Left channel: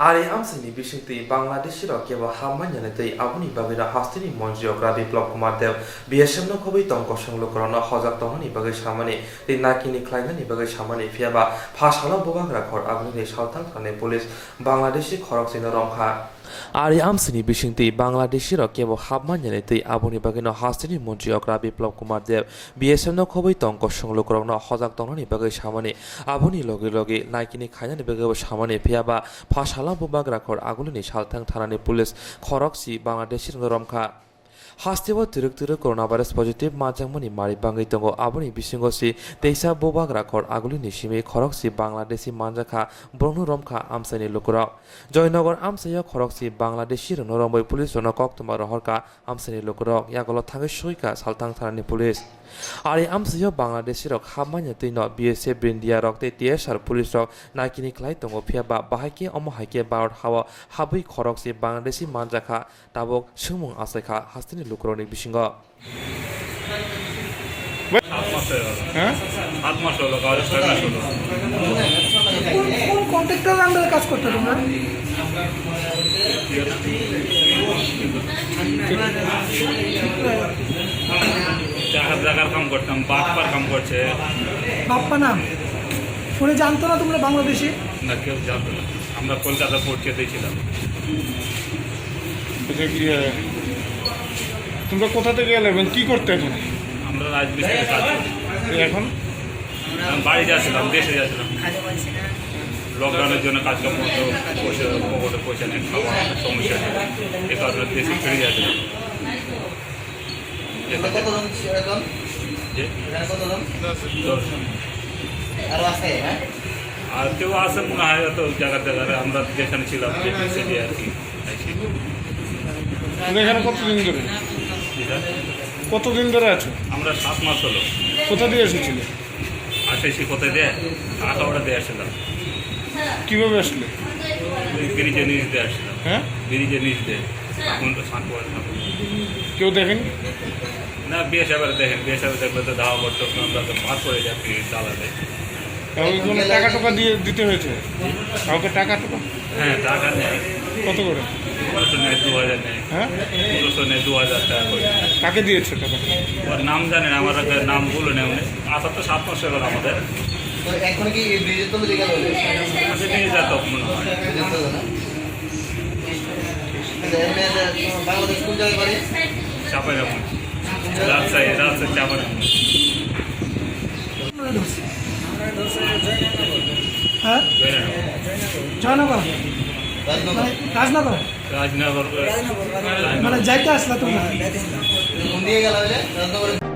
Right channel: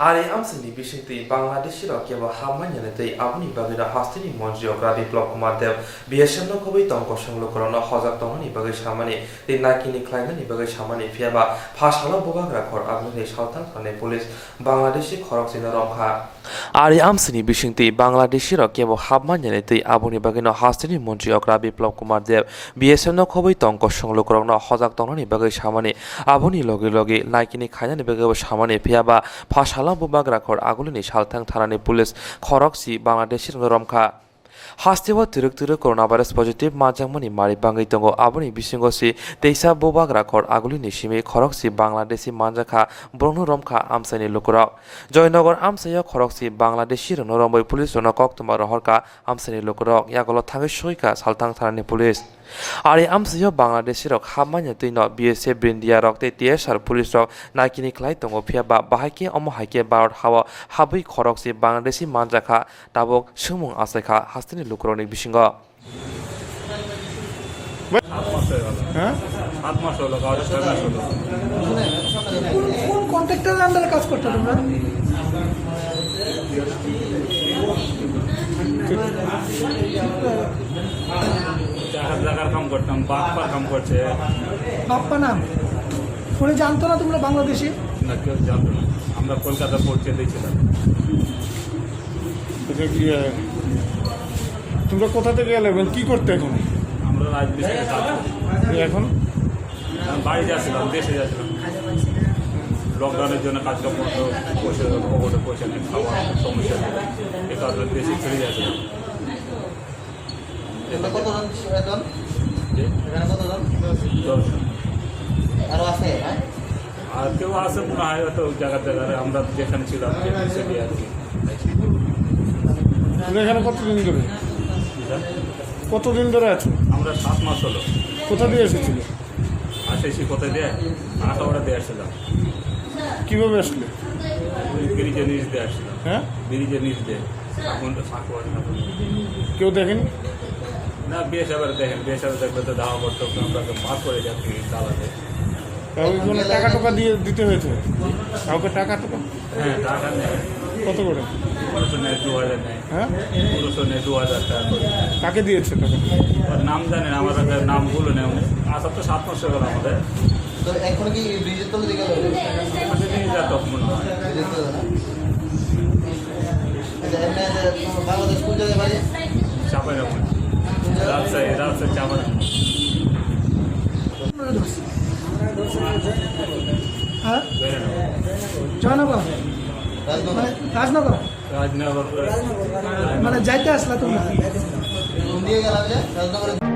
Ari amsini bishinti Bangladeshi kewa hamanyane abuni bagina hastini monjiogra biplop kumar dev biashemno kobi tongko sanglokorona hojak tongani bagai samani te nakini klaimani bagai samani fiaba phashala bobagra khor abuni sautal thane police Bangladeshi khorok sina romkha Ari amsini bishinti Bangladeshi kewa hamanyane abuni bagina hastini monjiogra biplop kumar dev biashemno kobi tongko sanglokorona hojak tongani bagai samani abuni loge nakini khainani bagai samani fiaba phashala Bubagra khor agulini salthang thanani police khoroksi Bangladeshi romkha Hastiwa turuk coronavirus positive majangmani mari bangai tongo aboni bisingosi teisa Bubagra khor agulini simi khoroksi Bangladeshi manjakha bronu romkha amsani lukura Joynagar amsaya khoroksi Bangladeshi rombai police ronakok tumar horka amsani lukura yagolo thangai soika salthang thanani police Ari amsaya Bangladeshi rok hamanya tino BSF India rok te TSR police rok nakini klai tongo phiaba bahaki omo haike barot hawa habui khoroksi Bangladeshi manjakha tabok sumung asaikha hastini lukroni bisingo কোন contractor আন্ডারে কাজ করতে তোমরা জায়গার কাম করতাম বাপ্পার কাম করছে বাপ্পা নাম ফোনে জানতো না তোমরা বাংলাদেশি না কেউ জানতো না আমরা কলকাতা পৌঁছে দিয়েছিলাম তোমরা কোথা থেকে এলে এবং কি করতে এখানে আমরা রাজমিস্ত্রিতে কাজ করি এখন আমি বাড়ি যাচ্ছিলাম দেশে যাচ্ছিলাম লকডাউনের জন্য কাজকাম করতে পকেটে পয়সা নেই খাওয়ার সমস্যা ছিল এ কারণে দেশে ফিরে যাচ্ছিলাম আর কেউ আসে মনে হয় তো জায়গায় আমরা যেখানে ছিলাম সেটি আর কি এখানে কতদিন ধরে আছো আমরা 7 মাস হলো কোথা দিয়ে এসেছিলে আসেছি কোথায় দেয় আখাওড়া দিয়ে আসছিলাম কিভাবে আসলে ওই ব্রিজের নিচ দিয়ে আসছিলাম হ্যাঁ ব্রিজের নিচ দিয়ে এখন তো সাঁকুয়ার কেউ দেখেনি না বিয়ে সাহেবের দেখেন বিয়ে সাহেব দেখলে তো ধাওয়া করতো আমরা তো পার করে যাচ্ছি দালাতে কাউকে কোনো টাকা টোকা দিয়ে দিতে হয়েছে কাউকে টাকা টোকা হ্যাঁ টাকা নেয় কত করে 1500 নেয় 2000 নেয় হ্যাঁ 1500 নেয় 2000 টাকা করে কাকে দিয়েছে টাকা ওর নাম জানেন আমার নামগুলো নেই উনি আসা তো 7 মাস হয়ে গেল আমাদের এখন কি ব্রিজের তলে দেখা যাবে কাছে নিয়ে যেত মনে হয় বাংলাদেশ কোন জায়গায় বাড়ি চাপাইরামন রাজশাহী চাপাইরামন হ্যাঁ জয়নগর রাজনগর রাজনগর মানে যাইতে আসলা তোমরা কোন দিকে গেল রাজনগরে